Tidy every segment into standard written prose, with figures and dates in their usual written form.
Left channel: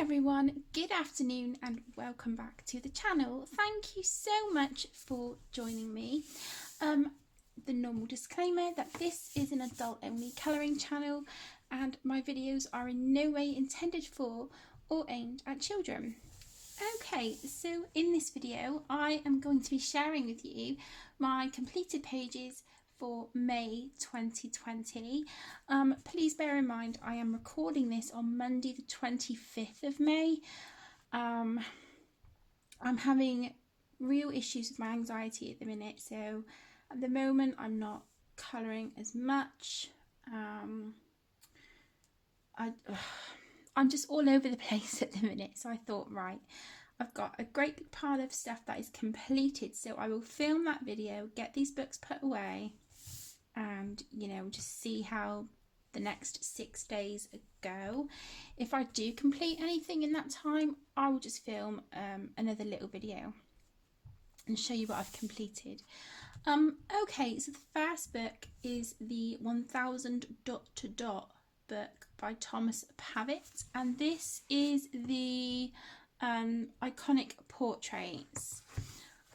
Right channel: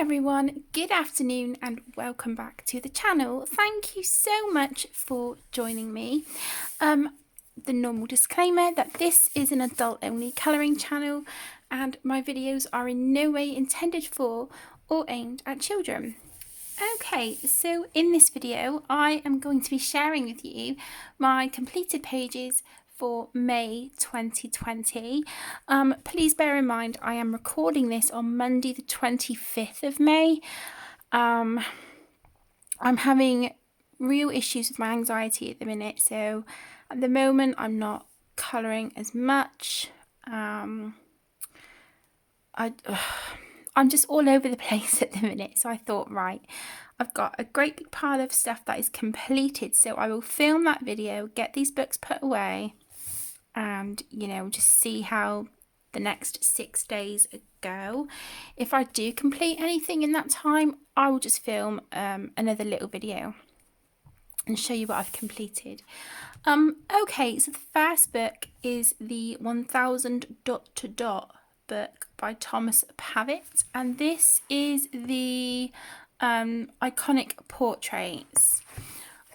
everyone, good afternoon and welcome back to the channel. Thank you so much for joining me. The normal disclaimer that this is an adult only colouring channel and my videos are in no way intended for or aimed at children. Okay, so in this video I am going to be sharing with you my completed pages for May 2020. Please bear in mind I am recording this on Monday the 25th of May. I'm having real issues with my anxiety at the minute, so at the moment I'm not colouring as much. I'm just all over the place at the minute, so I thought, right, I've got a great big pile of stuff that is completed, so I will film that video, get these books put away, and just see how the next 6 days go. If I do complete anything in that time, I will just film another little video and show you what I've completed. Okay, so the first book is the 1000 dot to dot book by Thomas Pavitt, and this is the iconic portraits.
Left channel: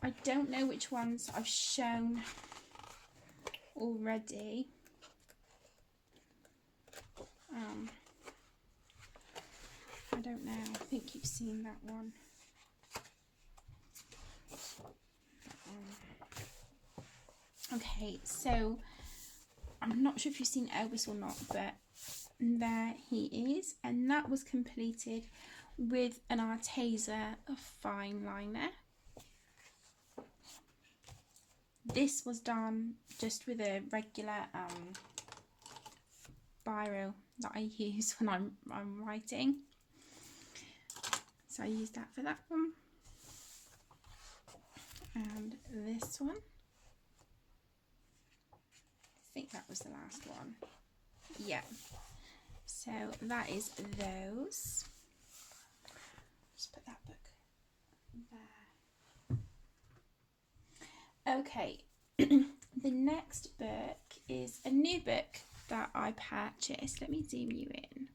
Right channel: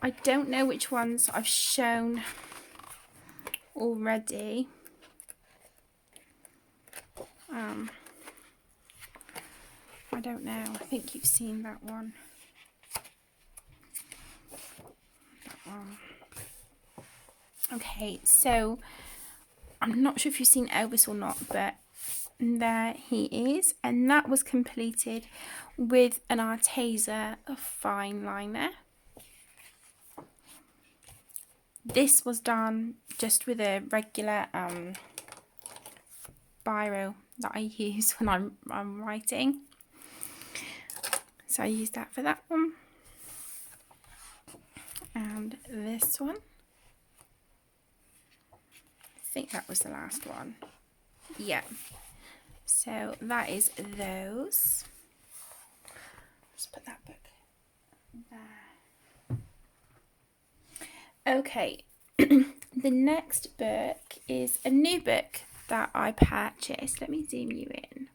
I don't know which ones I've shown already. I don't know. I think you've seen that one. Okay, so I'm not sure if you've seen Elvis or not, but there he is, and that was completed with an Arteza fine liner. This was done just with a regular biro that I use when I'm writing. So I used that for that one. And this one. I think that was the last one. Yeah. So that is those. Just put that book there. Okay. The next book is a new book that I purchased. Let me zoom you in.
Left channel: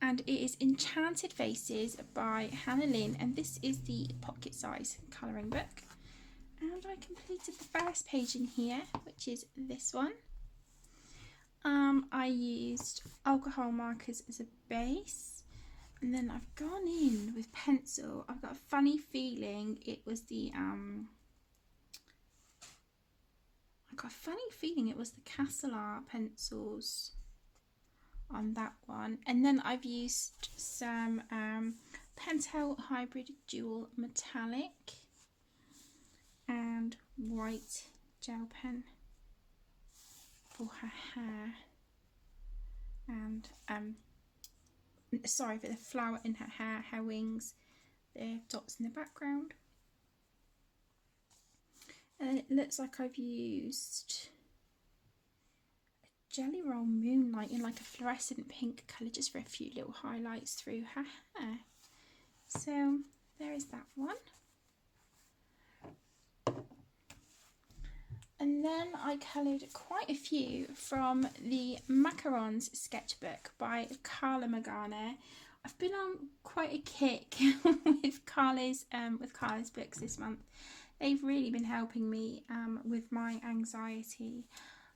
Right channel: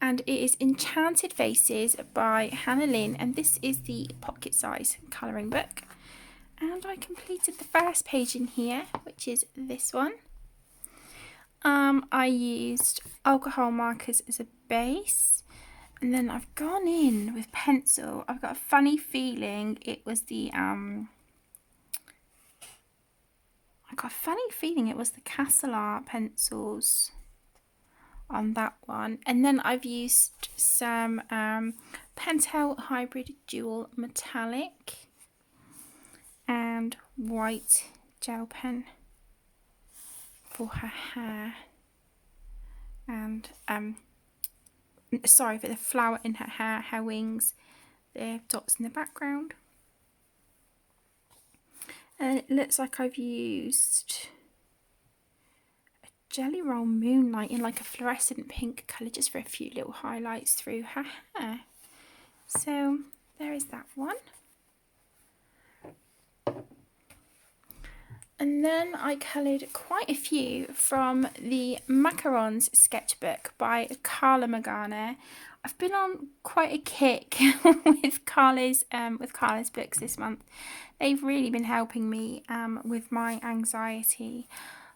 And it is Enchanted Faces by Hannah Lynn, and this is the pocket size colouring book. And I completed the first page in here, which is this one. I used alcohol markers as a base, and then I've gone in with pencil. I've got a funny feeling it was the Castle Art pencils on that one, and then I've used some Pentel Hybrid Dual Metallic and white gel pen for her hair, and sorry, for the flower in her hair, her wings, the dots in the background. And it looks like I've used a Jelly Roll Moonlight in like a fluorescent pink colour just for a few little highlights through her hair. So there is that one. And then I coloured quite a few from the Macarons sketchbook by Carla Magana. I've been on quite a kick with Carla's books this month. They've really been helping me with my anxiety.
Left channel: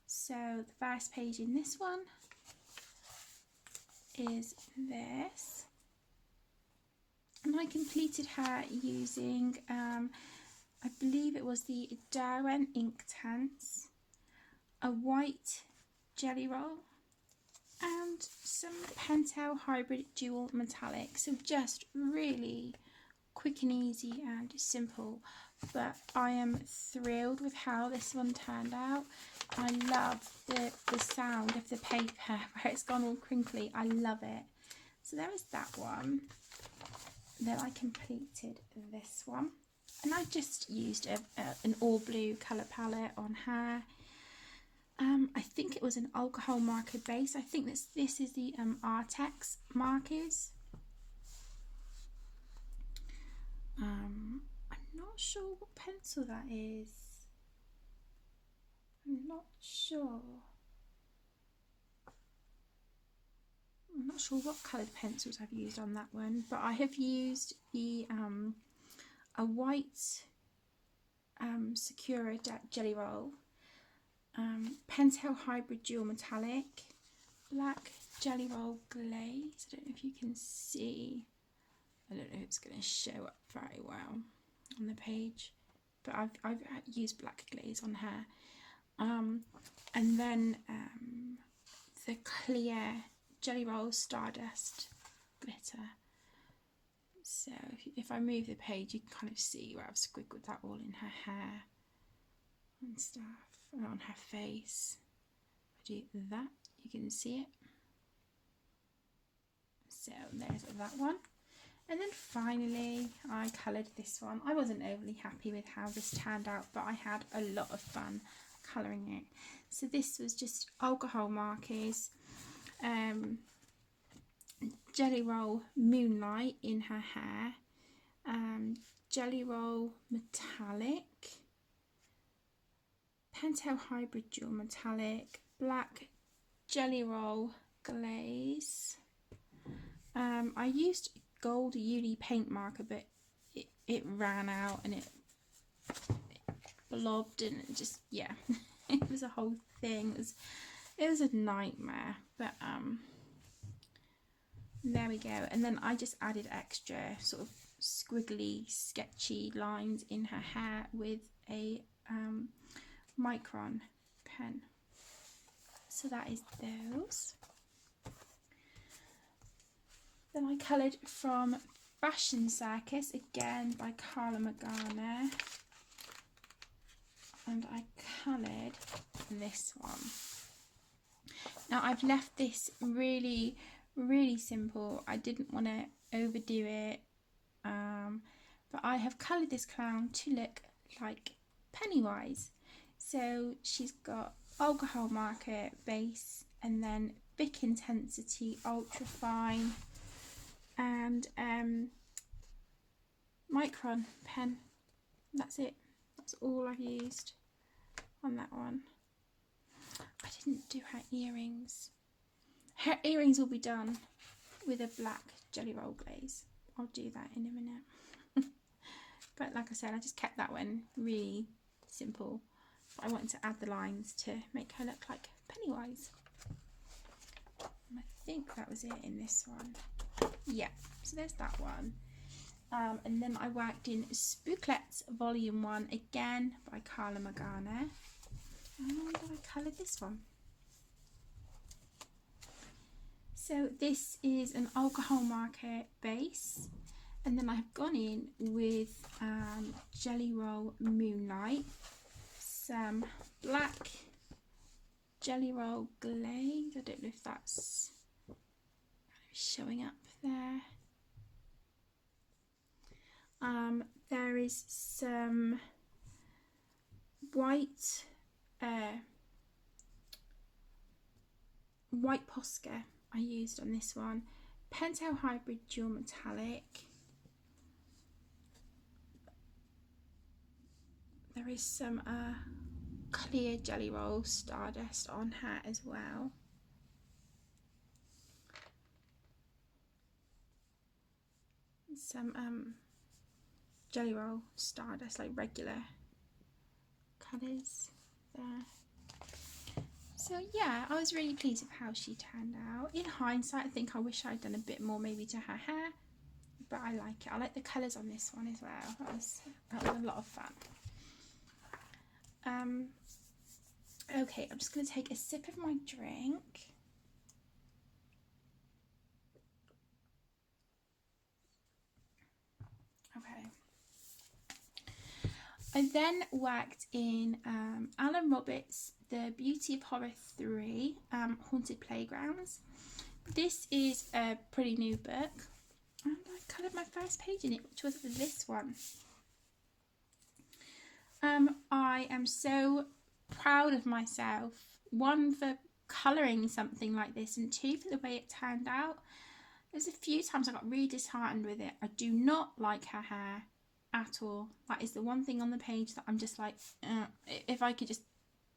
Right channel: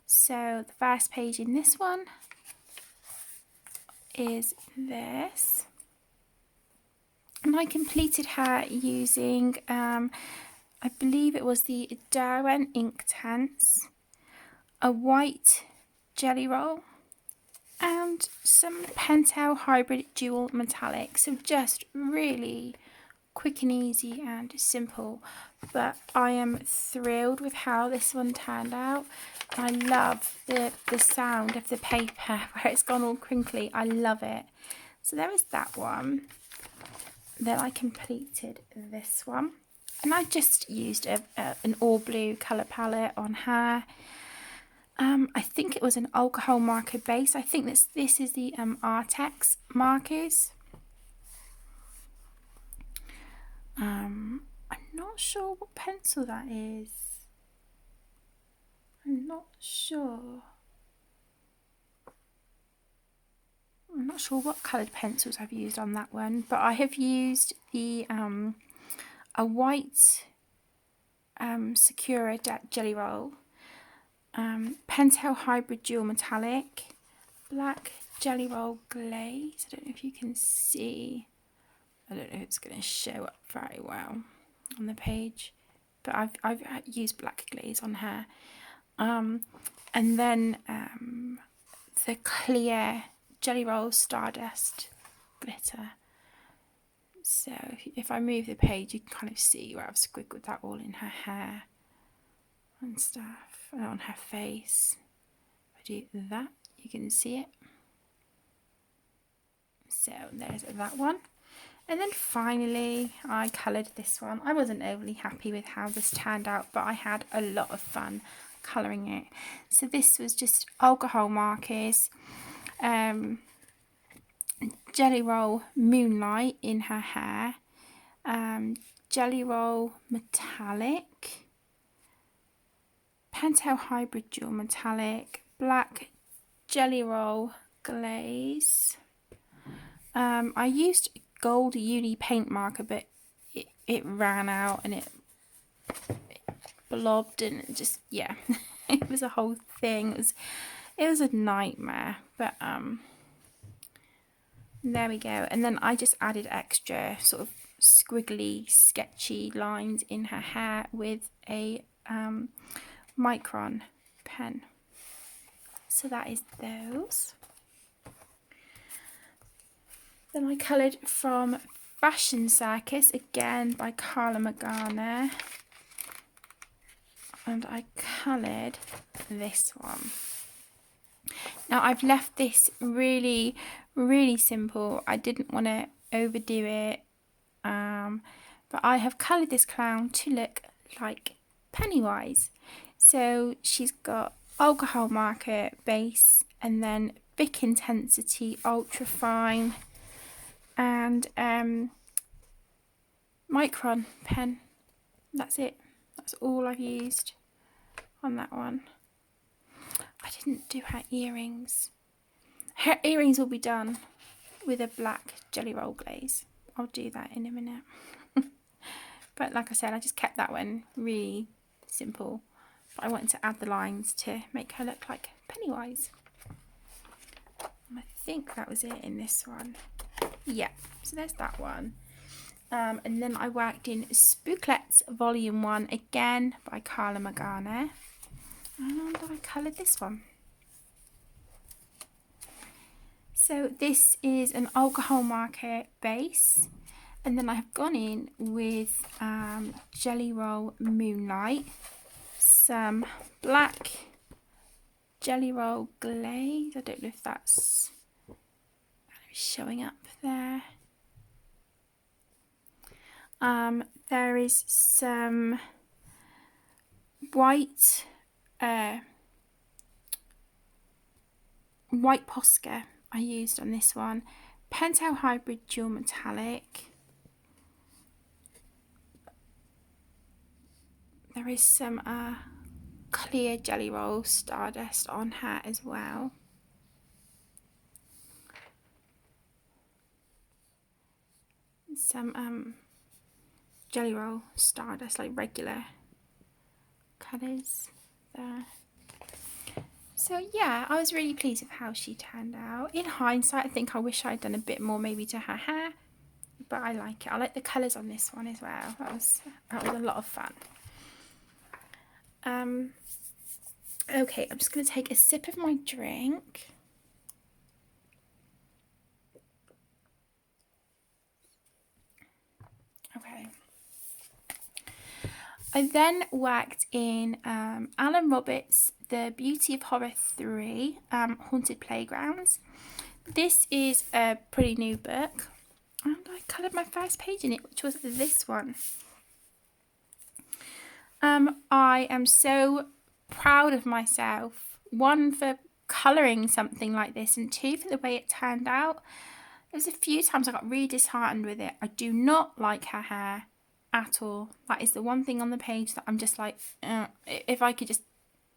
So the first page in this one is this. And I completed her using I believe it was the Derwent Inktense, a white jelly roll, and some Pentel Hybrid Dual Metallic. So just really quick and easy and simple, but I am thrilled with how this one turned out. I love the sound of the paper where it's gone all crinkly. I love it. So there is that one. Then I completed this one. And I just used an all blue colour palette on her. I think it was an alcohol marker base. I think this is the Artex markers. I'm not sure what pencil that is. I'm not sure. I'm not sure what coloured pencils I've used on that one, but I have used the a white Sakura Jelly Roll, Pentel Hybrid Dual Metallic, black Jelly Roll Glaze. I don't know if you can see. I don't know if it's going to show up very well on the page, but I've used black glaze on her. And then the clear Jelly Roll Stardust glitter. So if I move the page, you can kind of see where I've squiggled that all in her hair and stuff, and on her face. If I do that, you can see it. So there's that one. And then finally, I coloured this one. I wasn't overly happy with how this turned out, but I had a lot of fun colouring it. So this was just alcohol markers, Jelly Roll Moonlight in her hair, Jelly Roll Metallic, Pentel Hybrid Dual Metallic, black Jelly Roll Glaze. I used gold uni paint marker, but it ran out and it blobbed and just, yeah, it was a whole thing. It was a nightmare, but there we go. And then I just added extra sort of squiggly, sketchy lines in her hair with a Macaron pen. So that is those. Then I coloured from Fashion Circus, again by Carla Magana. And I coloured this one. Now I've left this really, really simple. I didn't want to overdo it. But I have coloured this clown to look like Pennywise. So she's got alcohol marker base and then Bic Intensity Ultra Fine and Micron pen. That's it. That's all I've used on that one. I didn't do her earrings. Her earrings will be done with a black Jelly Roll glaze. I'll do that in a minute. But like I said, I just kept that one really simple. But I wanted to add the lines to make her look like Pennywise. And I think that was it in this one. Yeah, so there's that one. And then I worked in Spooklets Volume 1 again by Carla Magana. And I coloured this one. So this is an alcohol marker base. And then I have gone in with Jelly Roll Moonlight, some black Jelly Roll Glaze. I don't know if that's showing up there. There is some white Posca I used on this one. Pentel Hybrid Dual Metallic. There is some clear Jelly Roll Stardust on her as well. Some Jelly Roll Stardust, like regular colours there. So yeah, I was really pleased with how she turned out. In hindsight, I think I wish I'd done a bit more maybe to her hair, but I like it. I like the colours on this one as well. That was a lot of fun. Okay, I'm just going to take a sip of my drink. Okay. I then worked in Alan Roberts' The Beauty of Horror 3, Haunted Playgrounds. This is a pretty new book, and I coloured my first page in it, which was this one. I am so proud of myself, one, for colouring something like this, and two, for the way it turned out. There was a few times I got really disheartened with it. I do not like her hair at all. That is the one thing on the page that I'm just like, if I could just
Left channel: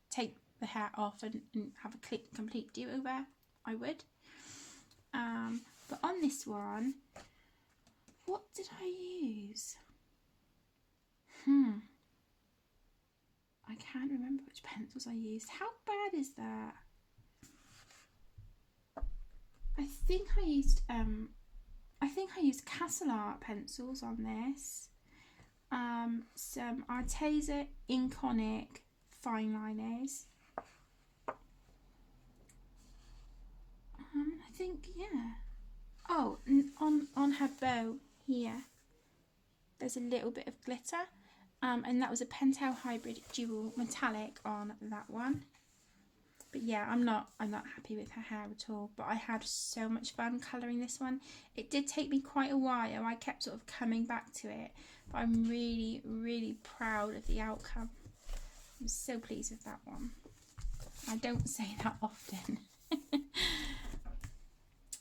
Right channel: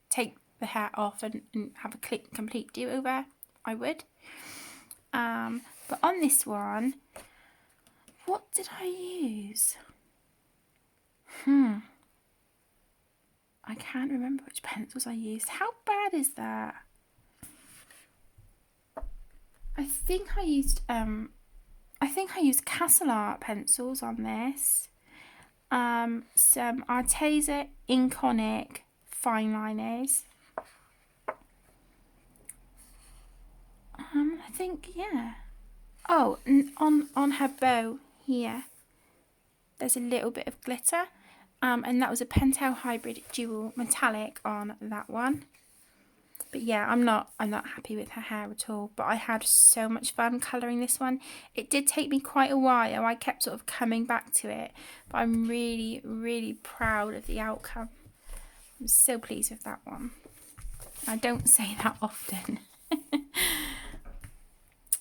take the hair off and have a complete do-over, I would. But on this one, what did I use? I can't remember which pencils I used. How bad is that? I think I used Castle Art pencils on this. Some Arteza Inconic fine liners. I think, yeah. Oh, on her bow here, there's a little bit of glitter. And that was a Pentel Hybrid Dual Metallic on that one. But yeah, I'm not happy with her hair at all. But I had so much fun colouring this one. It did take me quite a while. I kept sort of coming back to it. But I'm really, really proud of the outcome. I'm so pleased with that one. I don't say that often.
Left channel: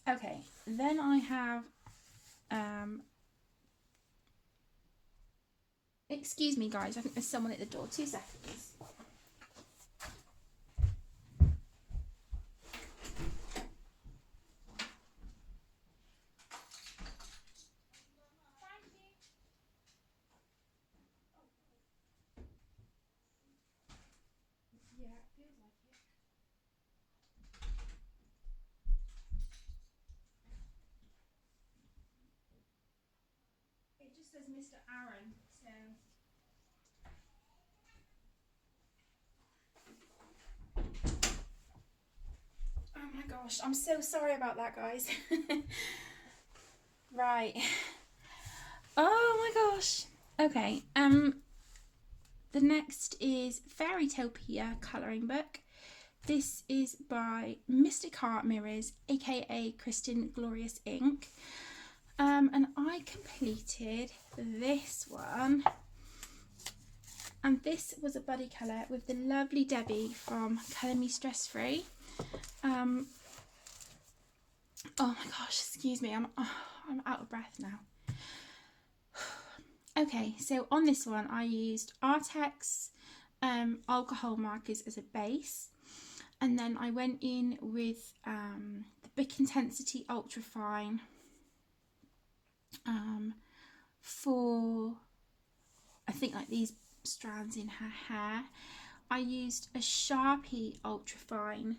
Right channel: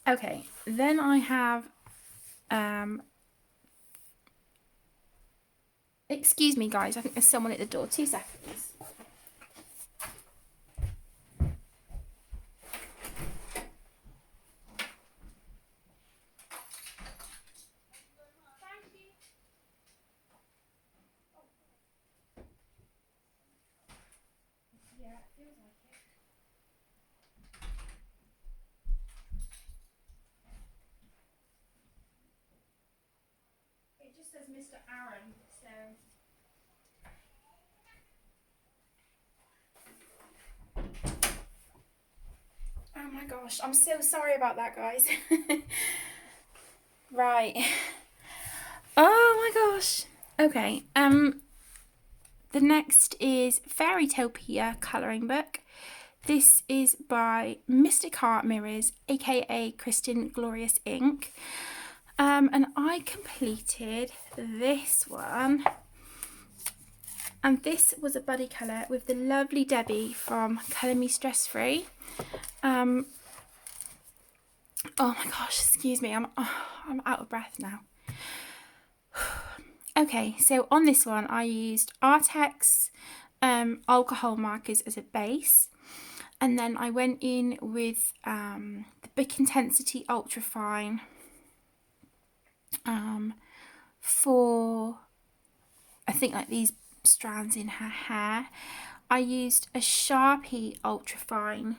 Okay, then I have... excuse me, guys. I think there's someone at the door. 2 seconds. It just says Mr. Aaron, so... Oh my gosh, I'm so sorry about that, guys. Right. Oh my gosh. Okay, the next is Fairytopia colouring book. This is by Mystic Art Mirrors, aka Kristen Glorious Ink. And I completed this one. And this was a buddy colour with the lovely Debbie from Colour Me Stress Free. Oh my gosh, excuse me, I'm out of breath now. Okay, so on this one I used Artex alcohol markers as a base, and then I went in with the Bic Intensity Ultra Fine for, I think, like these strands in her hair. I used a Sharpie Ultra Fine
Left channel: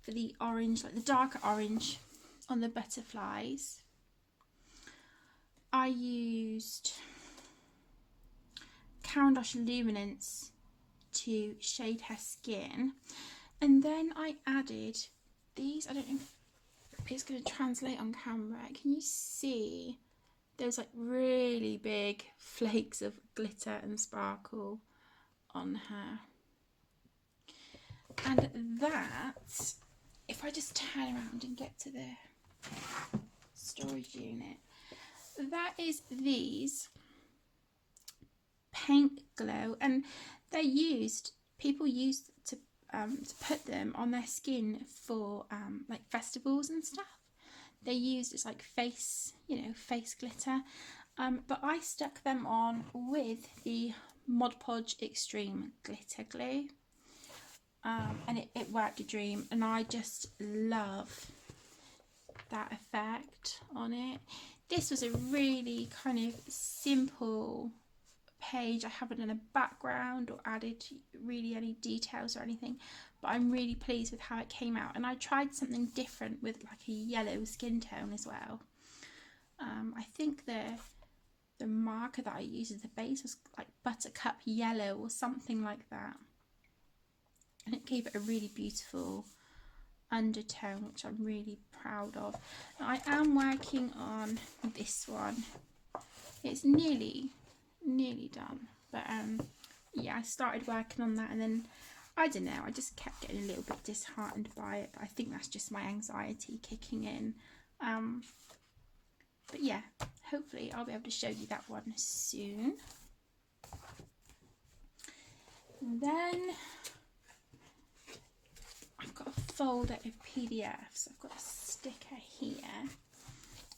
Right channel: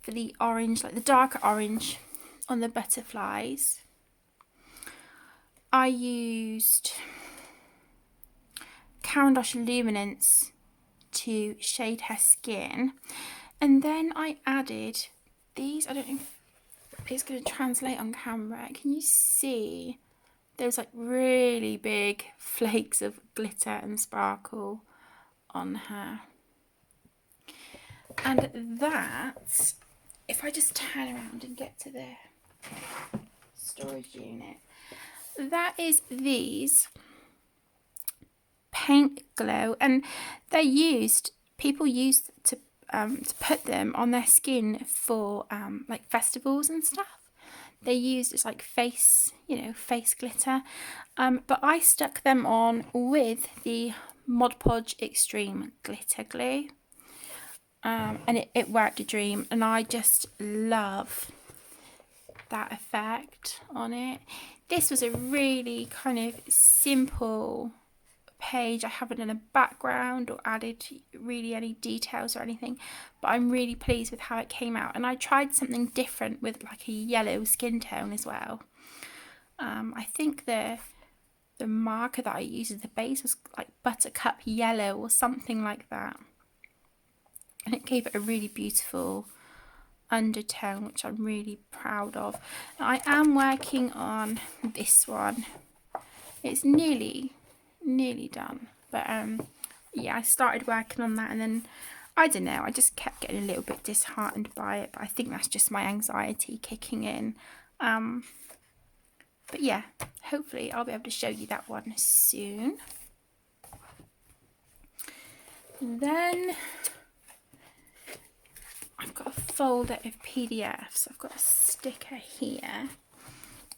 for the orange, like the darker orange on the butterflies. I used Caran d'Ache Luminance to shade her skin, and then I added these. I don't know if it's going to translate on camera. Can you see those like really big flakes of glitter and sparkle on her? And that, if I just turn around and get to the storage unit, that is these Paint Glow, and they're used, people use to put them on their skin for like festivals and stuff. They're used as like face, face glitter. But I stuck them on with the Mod Podge Extreme Glitter Glue. And it worked a dream, and I just love that effect on it. This was a really kind of simple page. I haven't done a background or added really any details or anything, but I'm really pleased with how it came out. And I tried something different with like a yellow skin tone as well. I think the marker that I used as the base was like buttercup yellow or something like that, and it gave it a really beautiful undertone, which I'm really proud of. Now, I am working on this one. It's nearly done, but yeah, I started working on that, and then I don't know, I just kept getting a little bit disheartened by it, but I think that's just my anxiety kicking in. But yeah, hopefully I'll be able to show you that one soon. Then I've got a folder of PDFs. I've got a sticker here.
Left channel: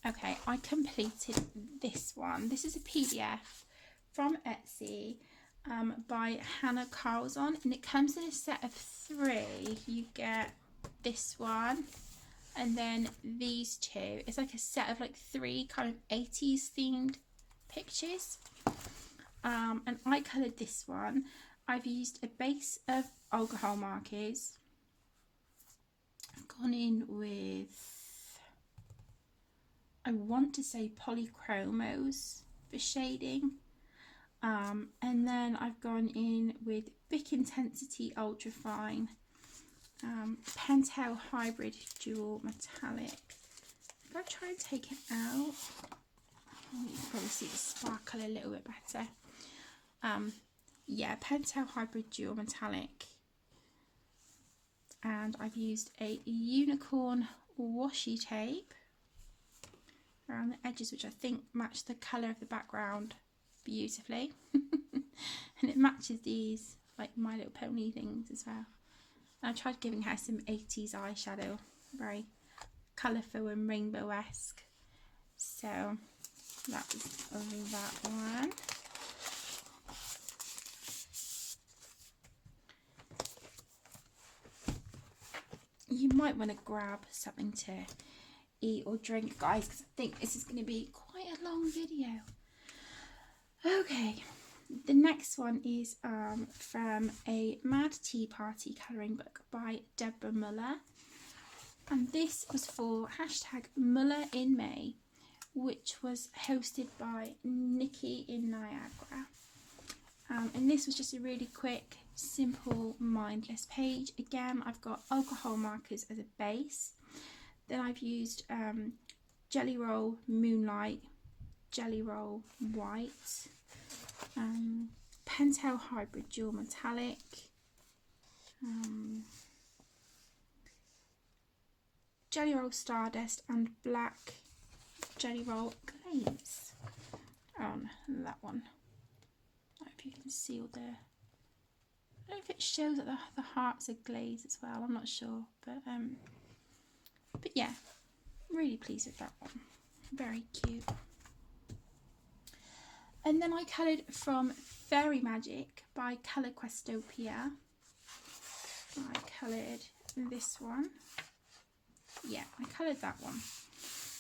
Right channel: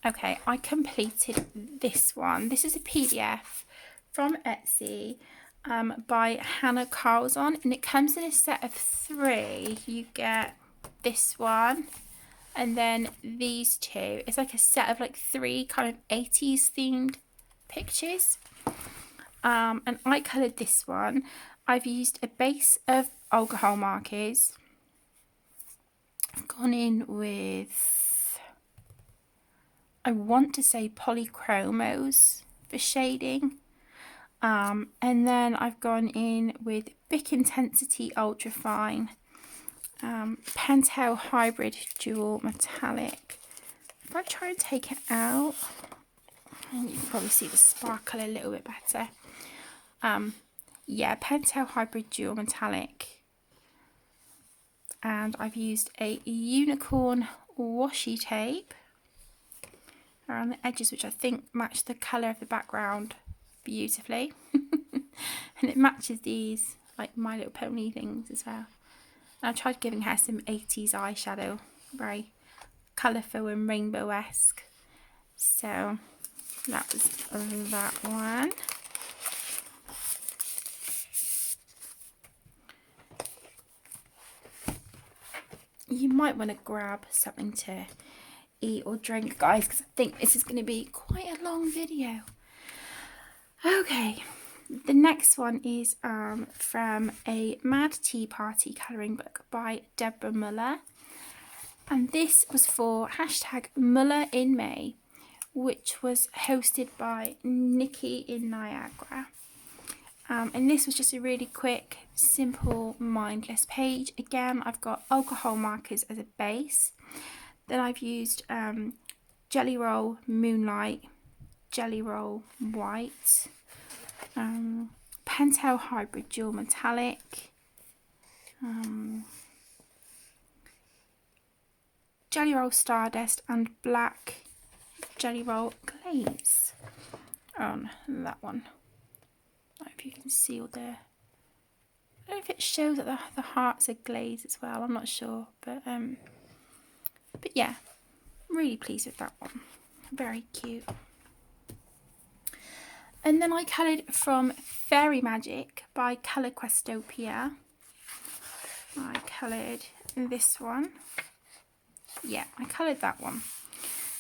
Okay, I completed this one. This is a PDF from Etsy by Hannah Carlson, and it comes in a set of 3. You get this one, And then these two, it's like a set of like 3 kind of 80s themed pictures. And I coloured this one. I've used a base of alcohol markers. I've gone in with, I want to say polychromos for shading. And then I've gone in with Bic Intensity Ultra Fine, Pentel Hybrid Dual Metallic. If I try and take it out, and you can probably see the sparkle a little bit better. Yeah, Pentel Hybrid Dual Metallic. And I've used a unicorn washi tape around the edges, which I think match the colour of the background beautifully. And it matches these like My Little Pony things as well. And I tried giving her some 80s eyeshadow, very colourful and rainbow-esque. So that was that one. You might want to grab something to eat or drink, guys, because I think this is going to be quite a long video. Okay, the next one is from a Mad Tea Party colouring book by Deborah Muller. And this was for #Muller in May, which was hosted by Nikki in Niagara. And this was just a really quick, simple, mindless page. Again, I've got alcohol markers as a base. Then I've used Jelly Roll Moonlight, Jelly Roll White, Pentel Hybrid Dual Metallic, Jelly Roll Stardust, and Black Jelly Roll Glaze on that one. I don't know if you can see all the, I don't know if it shows that the hearts are glazed as well, I'm not sure, but yeah, really pleased with that one, very cute. And then I coloured from Fairy Magic by Questopia. I coloured this one. Yeah, I coloured that one.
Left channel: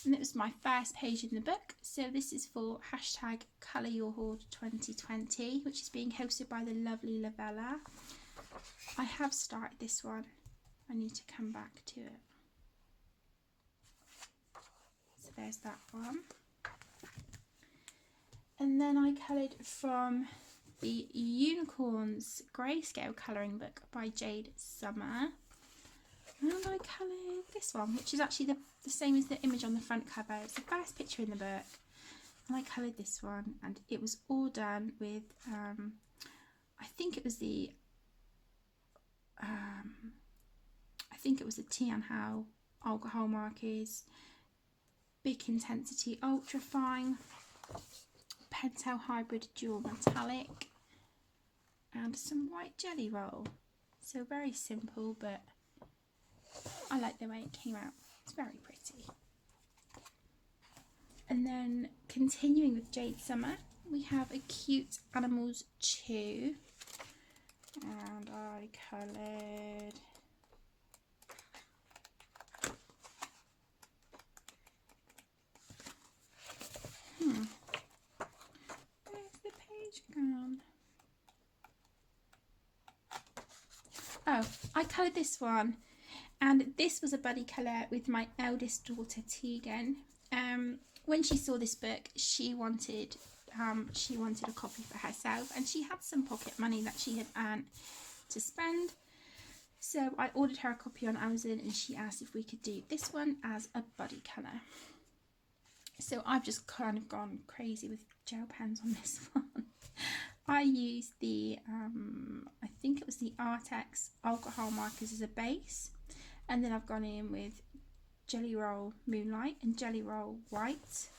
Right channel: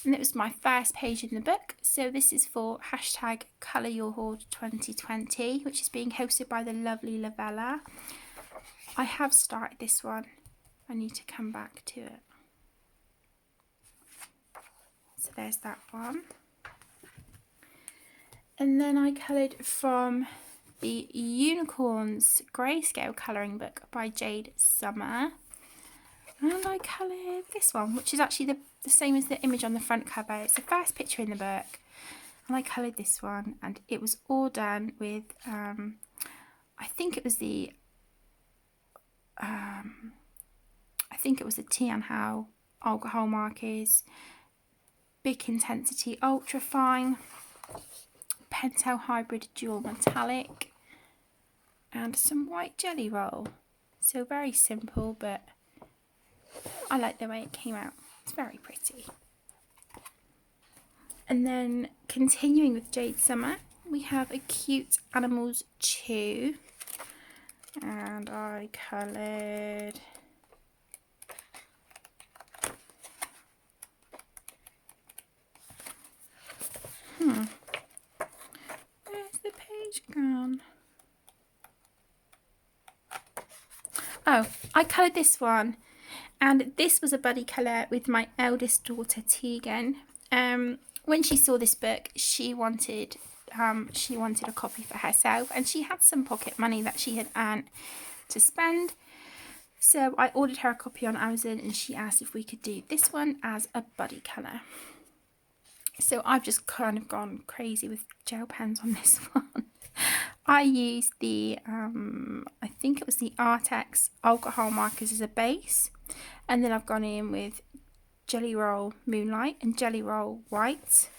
And it was my first page in the book. So this is for #ColourYourHoard2020, which is being hosted by the lovely Lavella. I have started this one. I need to come back to it. So there's that one. And then I coloured from the Unicorns Grayscale colouring book by Jade Summer. And I coloured this one, which is actually the same as the image on the front cover. It's the first picture in the book. And I coloured this one, and it was all done with, I think it was the Tian Hao alcohol markers, Bic Intensity Ultra Fine, Pentel Hybrid Dual Metallic, and some white Jelly Roll. So very simple, but I like the way it came out. It's very pretty. And then continuing with Jade Summer, we have a Cute Animals 2. And I coloured where's the page gone? Oh, I coloured this one. And this was a buddy colour with my eldest daughter Tegan. When she saw this book, she wanted a copy for herself, and she had some pocket money that she had earned to spend. So I ordered her a copy on Amazon, and she asked if we could do this one as a buddy colour. So I've just kind of gone crazy with gel pens on this one. I used the, I think it was the Artex alcohol markers as a base. And then I've gone in with Jelly Roll Moonlight and Jelly Roll White.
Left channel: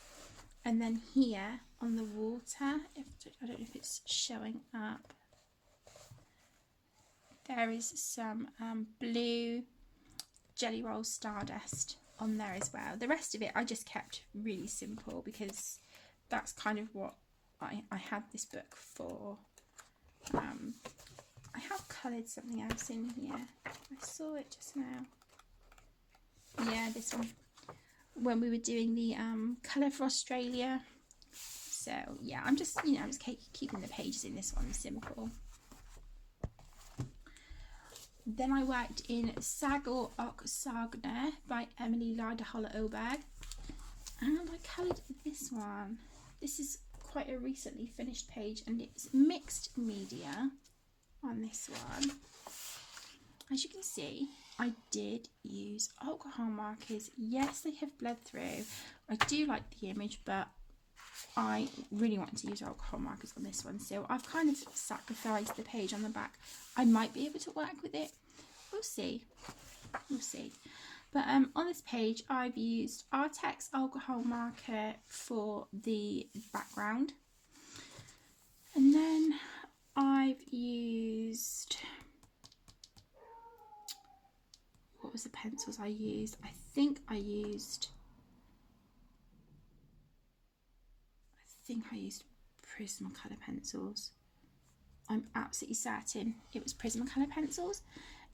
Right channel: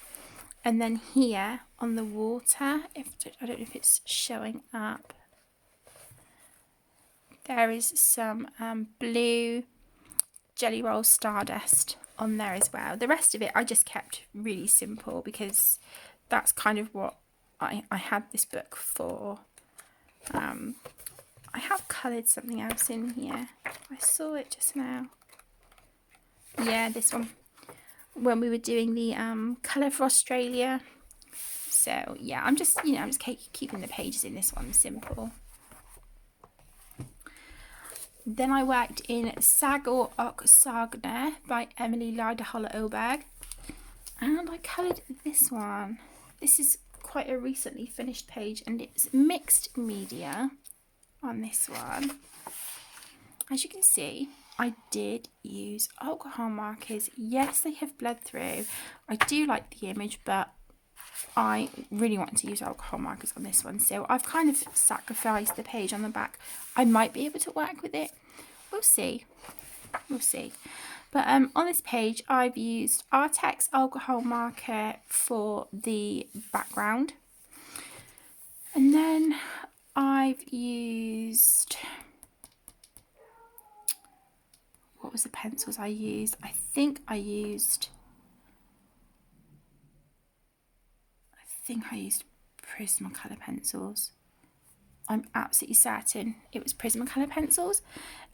And then here on the water, I don't know if it's showing up, there is some blue Jelly Roll Stardust on there as well. The rest of it I just kept really simple because that's kind of what I had this book for. I have coloured something else in here. I saw it just now. Yeah, this one. When we were doing the colour for Australia. So yeah, I'm just keeping the pages in this one simple. Then I worked in Sagol Saga by Emily Lyda Oberg, and I coloured this one. This is quite a recently finished page, and it's mixed media on this one. As you can see, I did use alcohol markers. Yes, they have bled through. I do like the image, but I really wanted to use alcohol markers on this one, so I've kind of sacrificed the page on the back. I might be able to work with it. We'll see. We'll see. But on this page, I've used Artex alcohol marker for the background. And then I've used... What was the pencils I used? I think I used Prismacolor pencils. I'm absolutely certain it was Prismacolor pencils.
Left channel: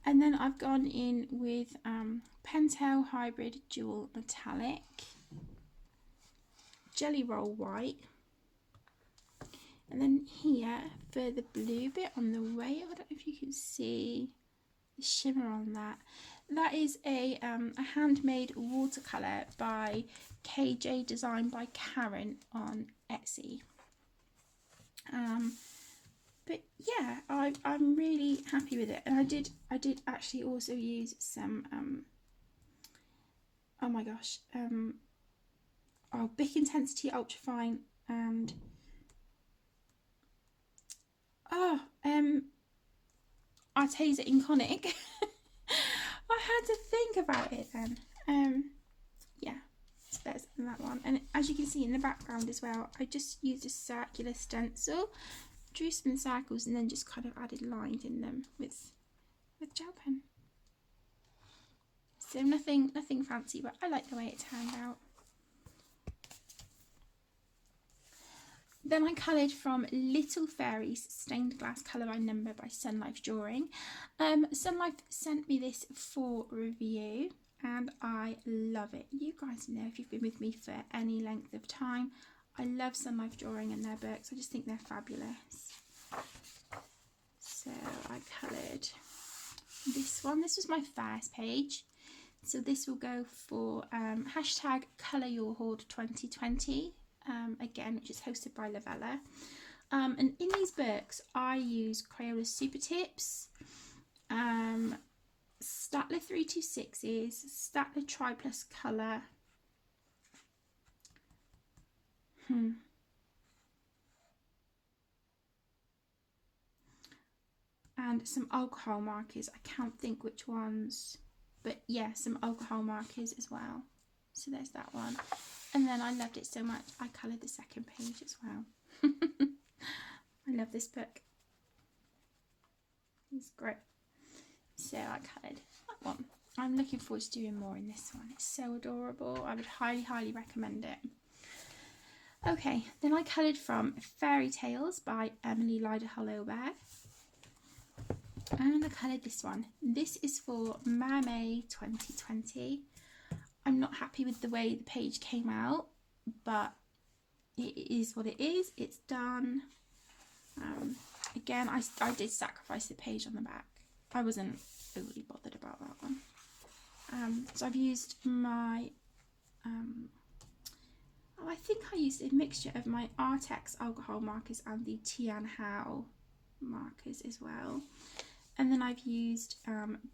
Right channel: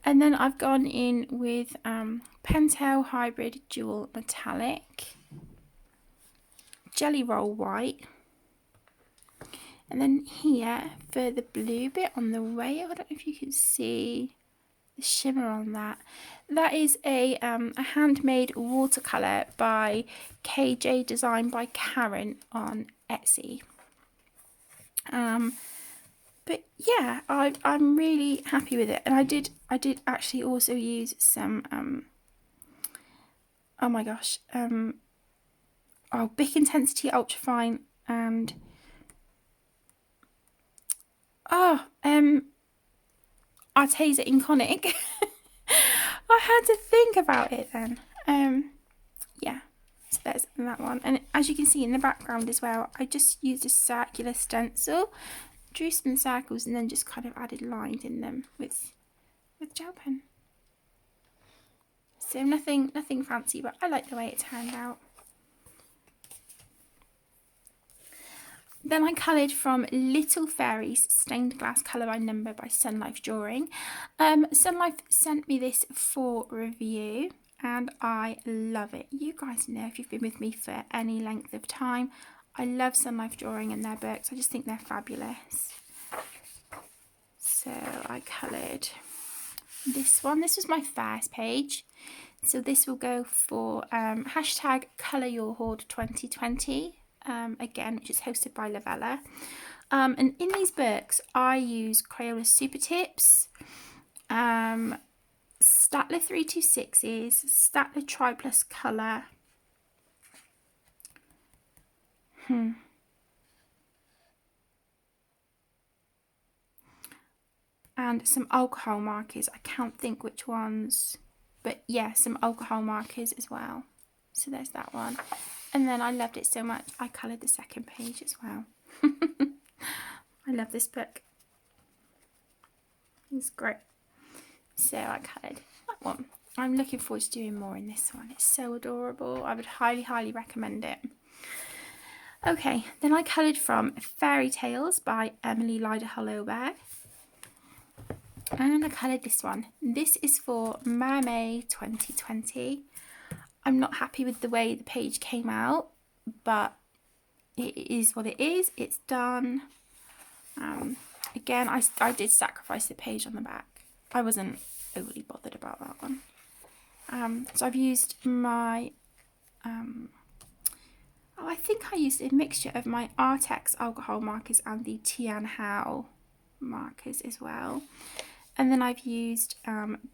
And then I've gone in with Pentel Hybrid Dual Metallic, Jelly Roll White, and then here for the blue bit on the way, I don't know if you can see the shimmer on that. That is a handmade watercolour by KJ Design by Karen on Etsy. But yeah, I'm really happy with it, and I did actually also use some oh my gosh, Bic Intensity Ultrafine and Arteza Inconic. I had to think about it then. Yeah, so there's that one, and as you can see in the background as well, I just used a circular stencil, drew some circles, and then just kind of added lines in them with gel pen. So nothing fancy, but I like the way it turned out. Then I coloured from Little Fairies Stained Glass Colour by Number by Sun Life Drawing. Sun Life sent me this for review, and I love it. You guys know, if you've been with me for any length of time, I love Sun Life Drawing and their books. I just think they're fabulous. So I coloured this one. This was my first page. So this will go for hashtag Colour Your Hoard 2020. Again, which is hosted by Lavella. And in these books, I use Crayola Super Tips, Statler 326s, Statler Tri Plus Colour, and some alcohol markers. I can't think which ones, but yeah, some alcohol markers as well. So there's that one. And then I loved it so much, I coloured the second page as well. I love this book. It's great. So I coloured that one. I'm looking forward to doing more in this one. It's so adorable. I would highly recommend it. Okay, then I coloured from Fairy Tales by Emily Lyda Oberg. And I coloured this one. This is for May 2020. I'm not happy with the way the page came out, but it is what it is. It's done. Again, I did sacrifice the page on the back. I wasn't overly bothered about that one. So I've used my, I think I used a mixture of my Artex alcohol markers and the Tian Hao markers as well. And then I've used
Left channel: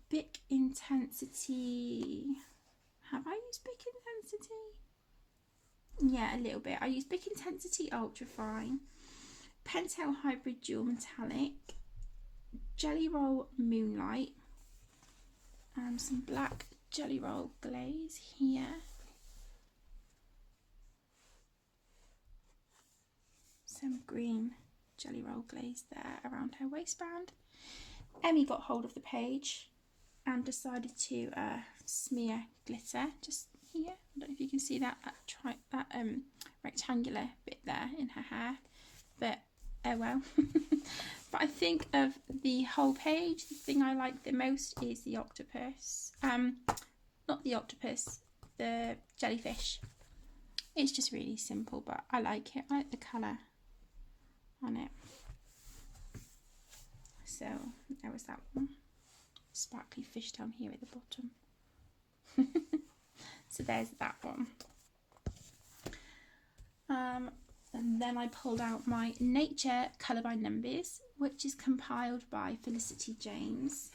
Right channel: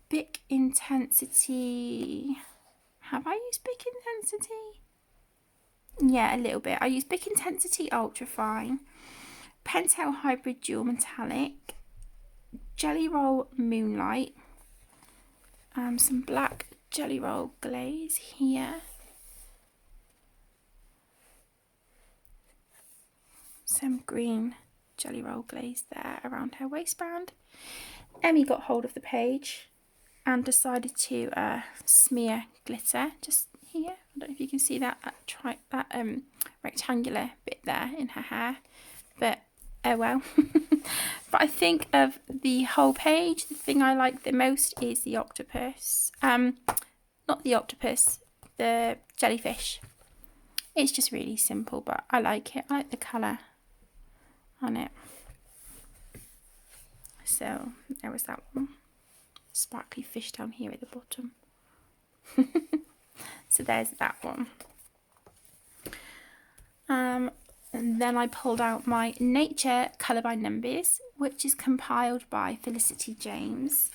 Bic Intensity. Have I used Bic Intensity? Yeah, a little bit. I used Bic Intensity Ultrafine, Pentel Hybrid Dual Metallic, Jelly Roll Moonlight, some black Jelly Roll glaze here, some green Jelly Roll glaze there around her waistband. Emmy got hold of the page and decided to smear glitter just here. I don't know if you can see that rectangular bit there in her hair, but oh well. But I think of the whole page, the thing I like the most is the octopus. not the octopus, the jellyfish. It's just really simple, but I like it. I like the colour on it. So there was that one. Sparkly fish down here at the bottom. So there's that one. And then I pulled out my Nature Colour by Numbers, which is compiled by Felicity James.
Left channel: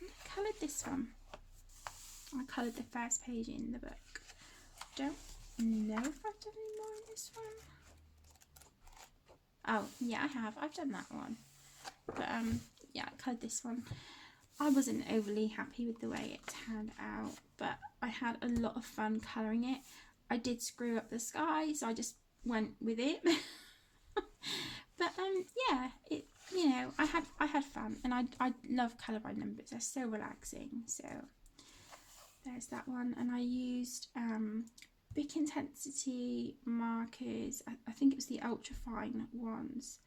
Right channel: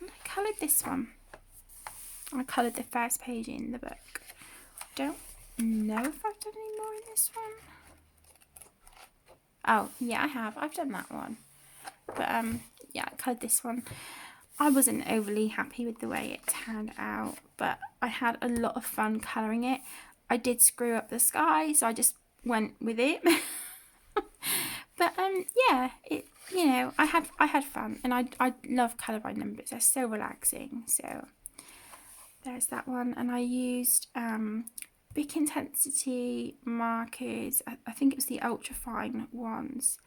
And I coloured this one. I coloured the first page in the book. I don't know if I've done any more in this one. Oh, yeah, I have. I've done that one. But, yeah, I coloured this one. I wasn't overly happy with the way it turned out, but I had a lot of fun colouring it. I did screw up the sky, so I just went with it. But yeah, it, you know, I had fun, and I love Colour by Numbers. They're so relaxing. So there's that one, and I used big intensity markers. I think it was the ultra fine ones.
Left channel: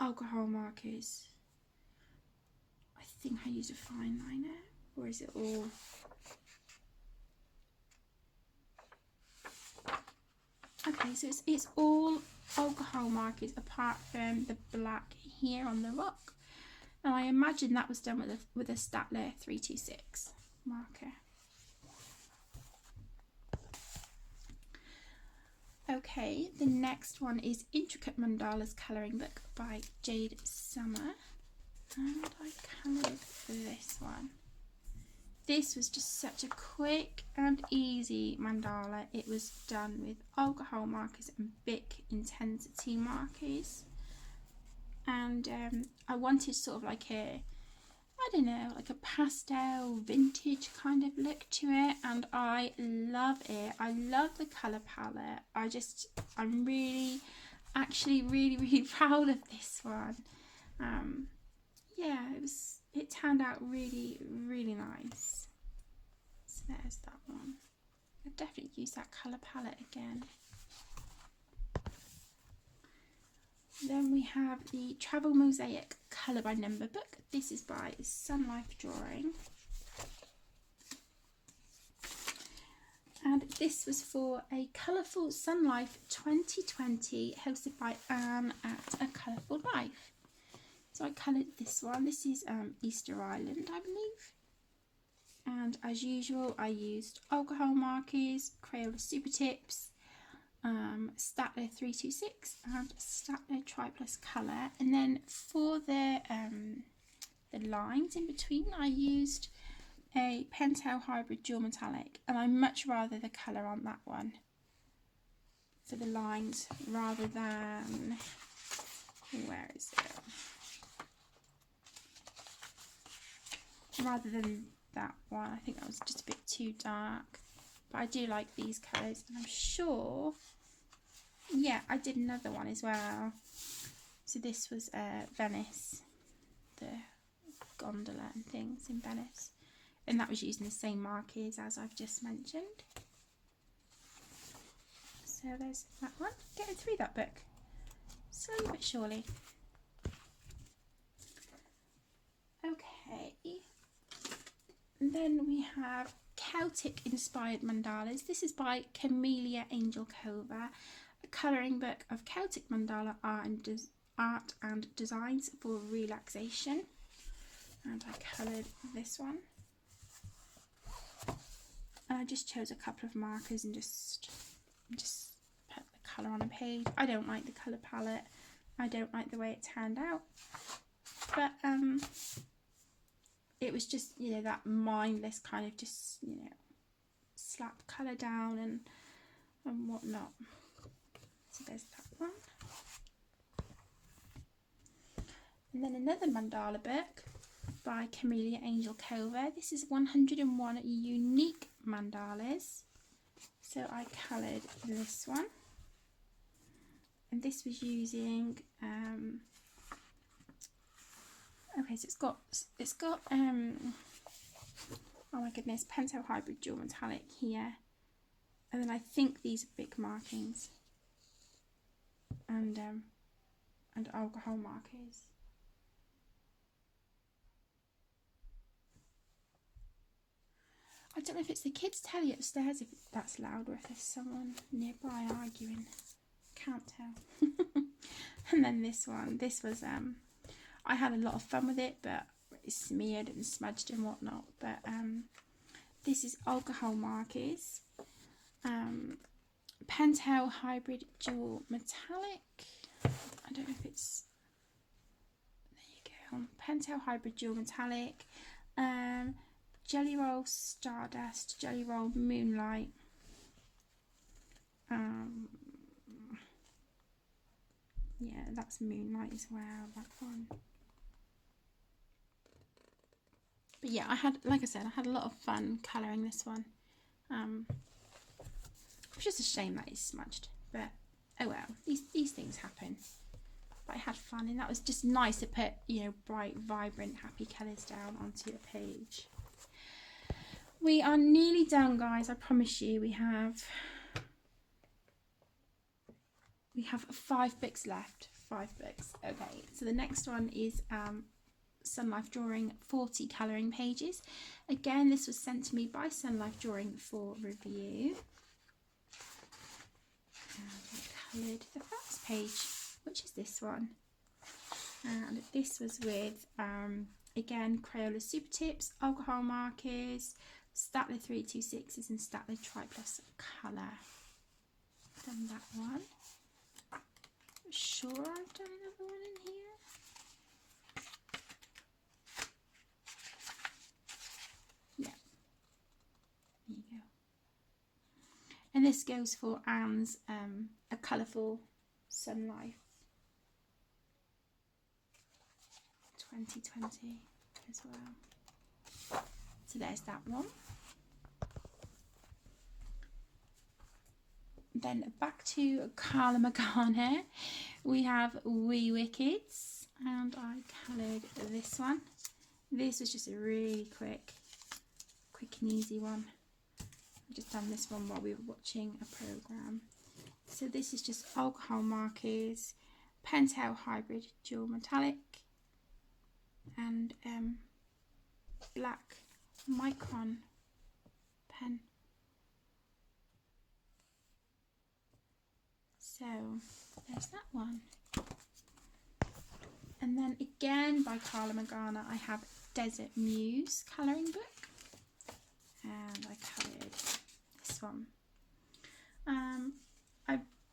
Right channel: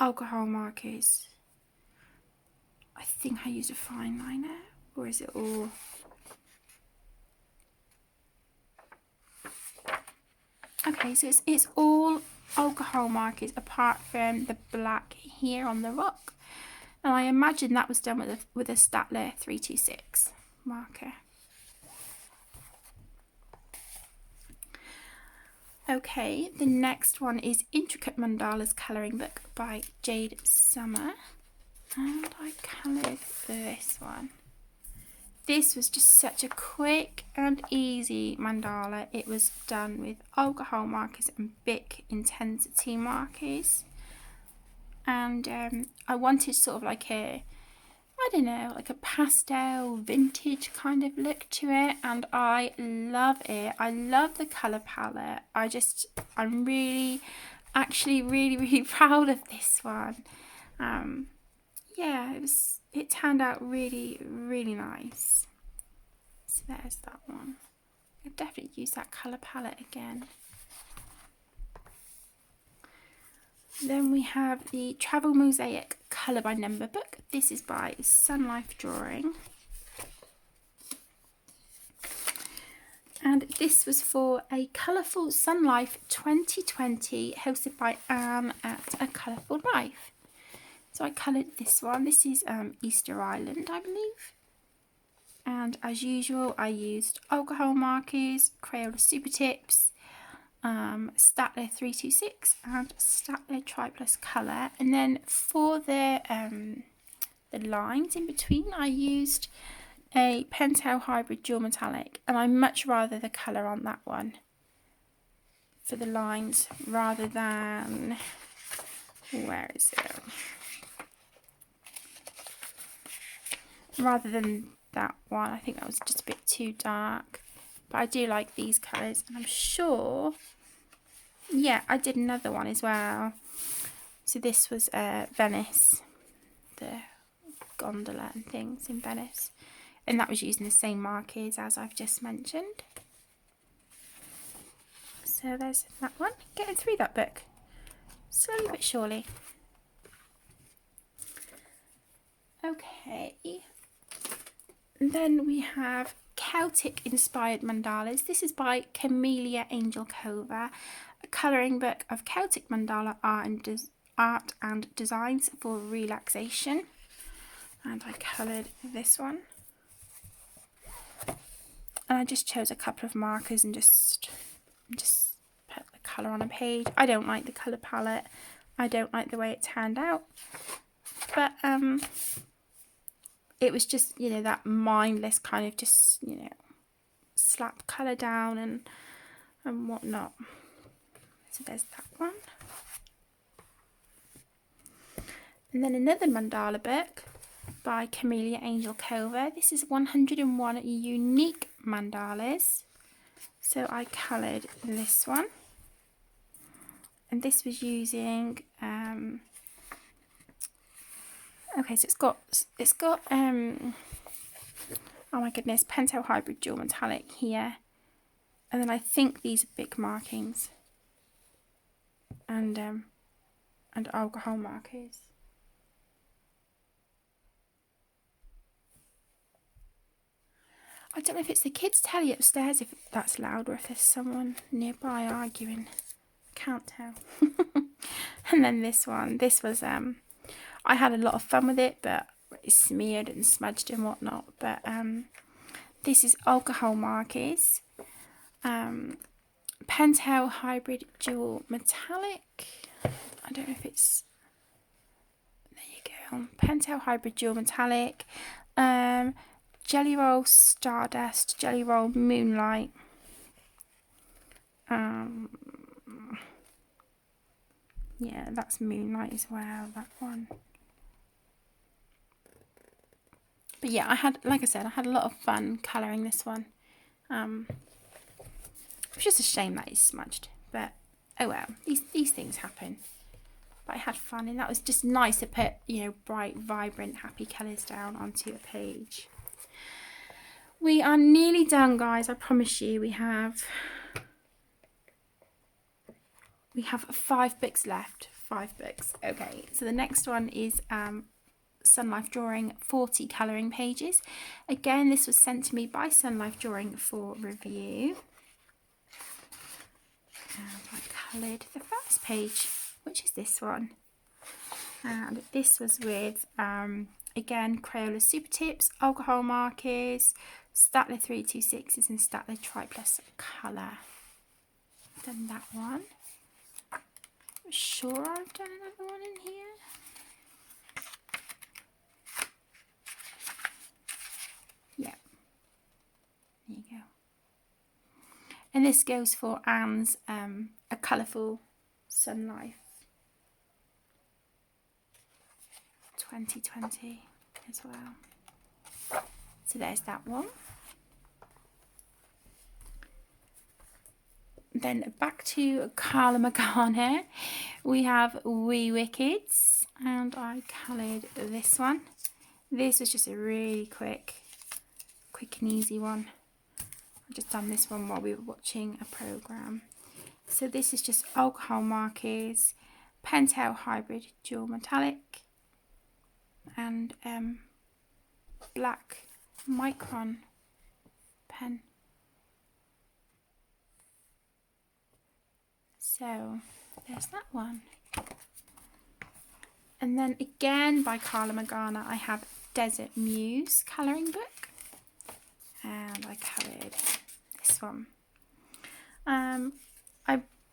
Alcohol markers. I think I used a fine liner, or is it all? Okay, so it's all alcohol markers apart from the black here on the rock, and I imagine that was done with a Staedtler 326 marker. Okay, the next one is Intricate Mandalas Colouring Book by Jade Summer, and I coloured this one. This was just such a quick and easy mandala. It was done with alcohol markers and big intensity markers. And I wanted sort of like a, I don't know, like a pastel vintage kind of look to it. And I love it. I love the colour palette. I'm really, actually really proud of this one. Yeah, it turned out really nice. So there's that one. I definitely use that colour palette again. Then we have the Travel Mosaic Colour by Number book. This is by Sun Life Drawing. And this was for a Colourful Sun Life 2020 hosted by Anne at A Colourful Life. So I coloured this one. This is Easter Island, I believe. And as usual, I used alcohol markers, Crayola Super Tips, Staedtler 326 and Staedtler Triplus Colour. And then for the lines in between, I used a Pentel Hybrid Dual Metallic, and I much rather the colour on that one for the lines rather than, where is it? Rather than that one. I think that was just a bit too dark, but I do like these colours, and I'm sure, yeah, I did another one as well. So this was Venice, the gondola and things in Venice, and that was using the same markers as I've just mentioned. So there's that one. Getting through that book slowly but surely. Okay. And then we have Celtic inspired mandalas. This is by Camellia Angel Cova, a colouring book of Celtic mandala art and designs for relaxation. And I coloured this one. And I just chose a couple of markers and just put the colour on a page. I don't like the colour palette. I don't like the way it turned out. But it was just, you know, that mindless kind of just, you know, slap colour down and whatnot. So there's that one. And then another mandala book by Camellia Angel Cova. This is 101 unique mandalas. So I coloured this one. And this was using okay, so it's got oh my goodness, Pentel Hybrid Dual Metallic here, and then I think these are big markings and alcohol markers. I don't know if it's the kids' telly upstairs, if that's loud, or if there's someone nearby arguing. Can't tell. And then this one. This was, I had a lot of fun with it, but it's smeared and smudged and whatnot. But this is alcohol markers. Pentel Hybrid Dual Metallic. I don't know if it's... There you go. Pentel Hybrid Dual Metallic. Jelly Roll Stardust. Jelly Roll Moonlight. Yeah, that's Moonlight as well, that one. But yeah, I had, like I said, I had a lot of fun colouring this one. It's just a shame that it's smudged, but oh well, these things happen. But I had fun, and that was just nice to put, you know, bright, vibrant, happy colours down onto a page. We are nearly done, guys. I promise you. We have 5 books left. 5 books. Okay, so the next one is Sun Life Drawing 40 colouring pages. Again, this was sent to me by Sun Life Drawing for review. And I coloured the first page, which is this one. And this was with, again, Crayola Super Tips, alcohol markers, Statler 326s and Statler Triplus colour. I've done that one. I'm sure I've done another one in here. Yeah. There you go. And this goes for Anne's A Colourful Sun Life 2020 as well. So there's that one. Then back to Carla Magana, we have Wee Wickeds, and I coloured this one. This was just a really quick and easy one. I've just done this one while we were watching a programme. So this is just alcohol markers, Pentel Hybrid Dual Metallic, and black Micron pen. So there's that one. And then again by Carla Magana, I have Desert Muse colouring book. And I coloured this one. I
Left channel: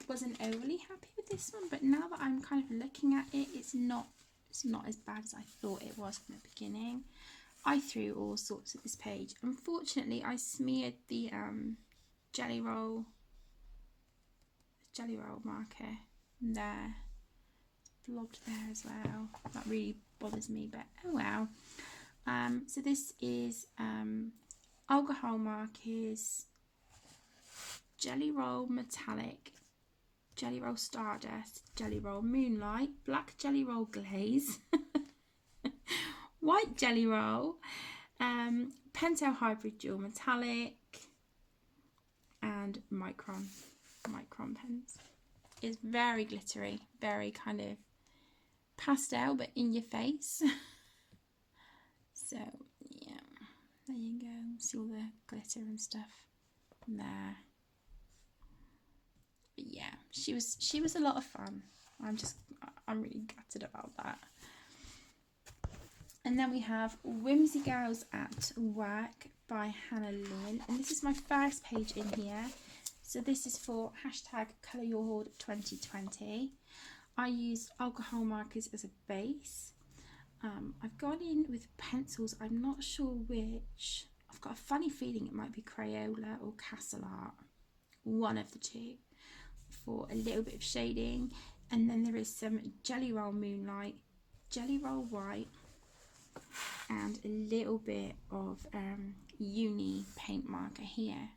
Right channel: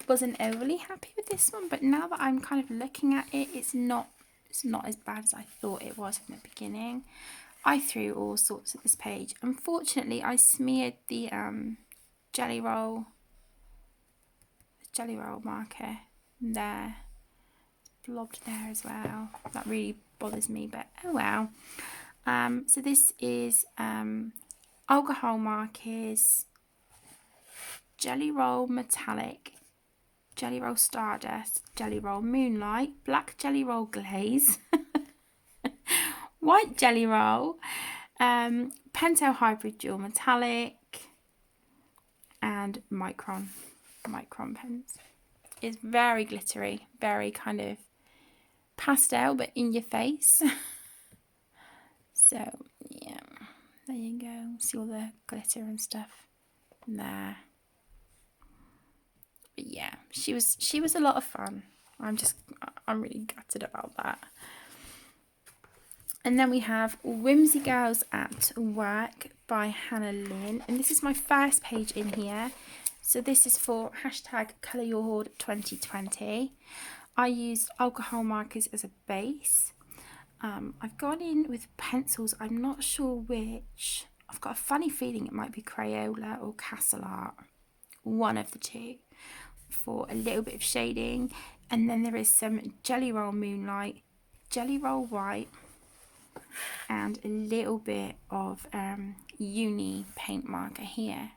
wasn't overly happy with this one, but now that I'm kind of looking at it, it's not as bad as I thought it was in the beginning. I threw all sorts at this page. Unfortunately, I smeared the jelly roll marker there. It's blobbed there as well. That really bothers me, but oh well. So this is alcohol markers, jelly roll metallic, jelly roll stardust, jelly roll moonlight, black jelly roll glaze, white jelly roll, Pentel Hybrid Dual Metallic, and Micron pens. It's very glittery, very kind of pastel, but in your face. So yeah, there you go. See all the glitter and stuff there. But yeah, she was a lot of fun. I'm really gutted about that. And then we have Whimsicals at Work by Hannah Lynn, and this is my first page in here. So this is for #ColourYourHoard2020. I used alcohol markers as a base. I've gone in with pencils. I'm not sure which. I've got a funny feeling it might be Crayola or Castle Art, one of the two, for a little bit of shading. And then there is some Jelly Roll Moonlight, Jelly Roll White, and a little bit of uni paint marker here,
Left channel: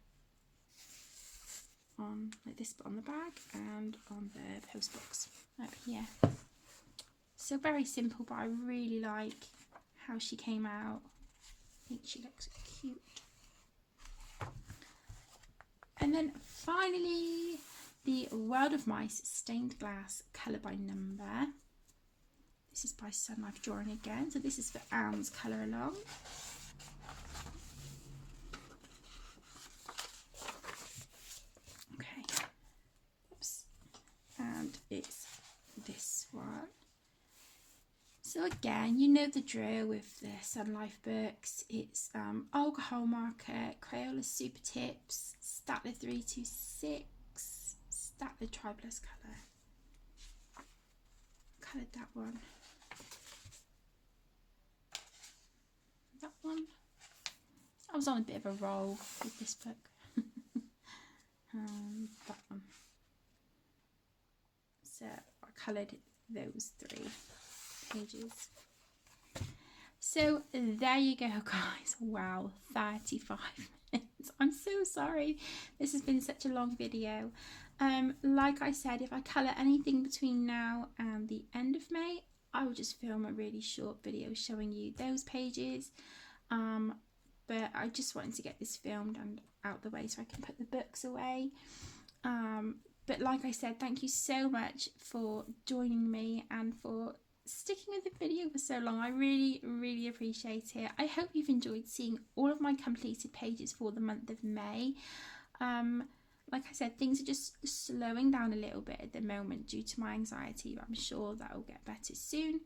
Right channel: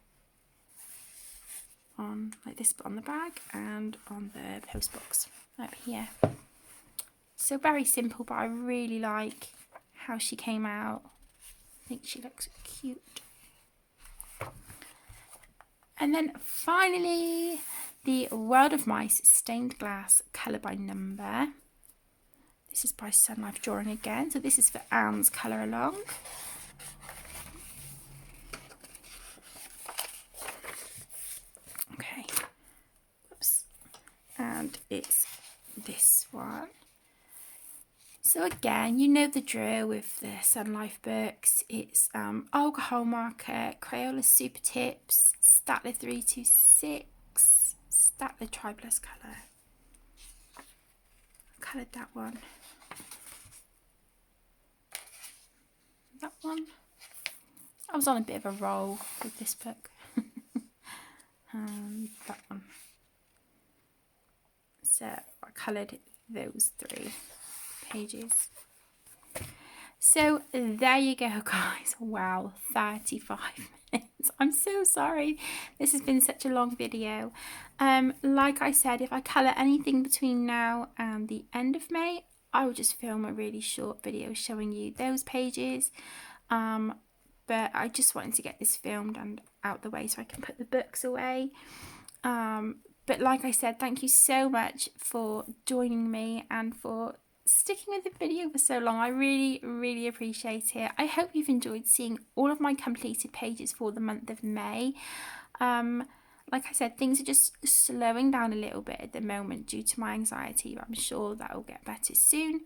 on like this on the bag and on the post box up here. So very simple, but I really like how she came out. I think she looks cute. And then finally, the World of Mice Stained Glass Colour by Number. This is by Sun Life Drawing again. So this is for Anne's colour along. it's this one. So again, you know the drill with the Sun Life books. It's alcohol marker, Crayola Super Tips, Statler 326, Statler Tri-Plus colour. Coloured that one. That one. I was on a bit of a roll with this book. That one. So I coloured those 3 pages. So there you go, guys. Wow, 35 minutes. I'm so sorry. This has been such a long video. Like I said, if I colour anything between now and the end of May, I will just film a really short video showing you those pages. But I just wanted to get this filmed and out the way so I can put the books away. But like I said, thank you so much for joining me and for sticking with the video for so long. I really appreciate it. I hope you've enjoyed seeing all of my completed pages for the month of May. Like I said, things are just slowing down a little bit at the moment due to my anxiety, but I'm sure that will get better soon.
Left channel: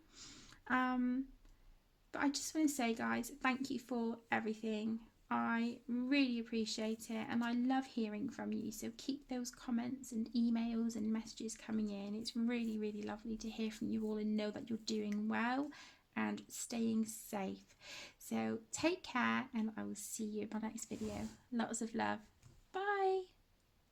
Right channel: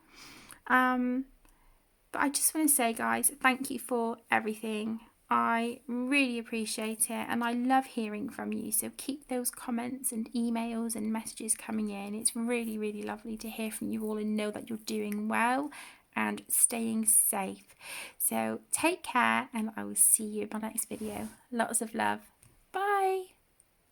But I just want to say, guys, thank you for everything. I really appreciate it, and I love hearing from you. So keep those comments and emails and messages coming in. It's really lovely to hear from you all and know that you're doing well and staying safe. So take care, and I will see you in my next video. Lots of love. Bye.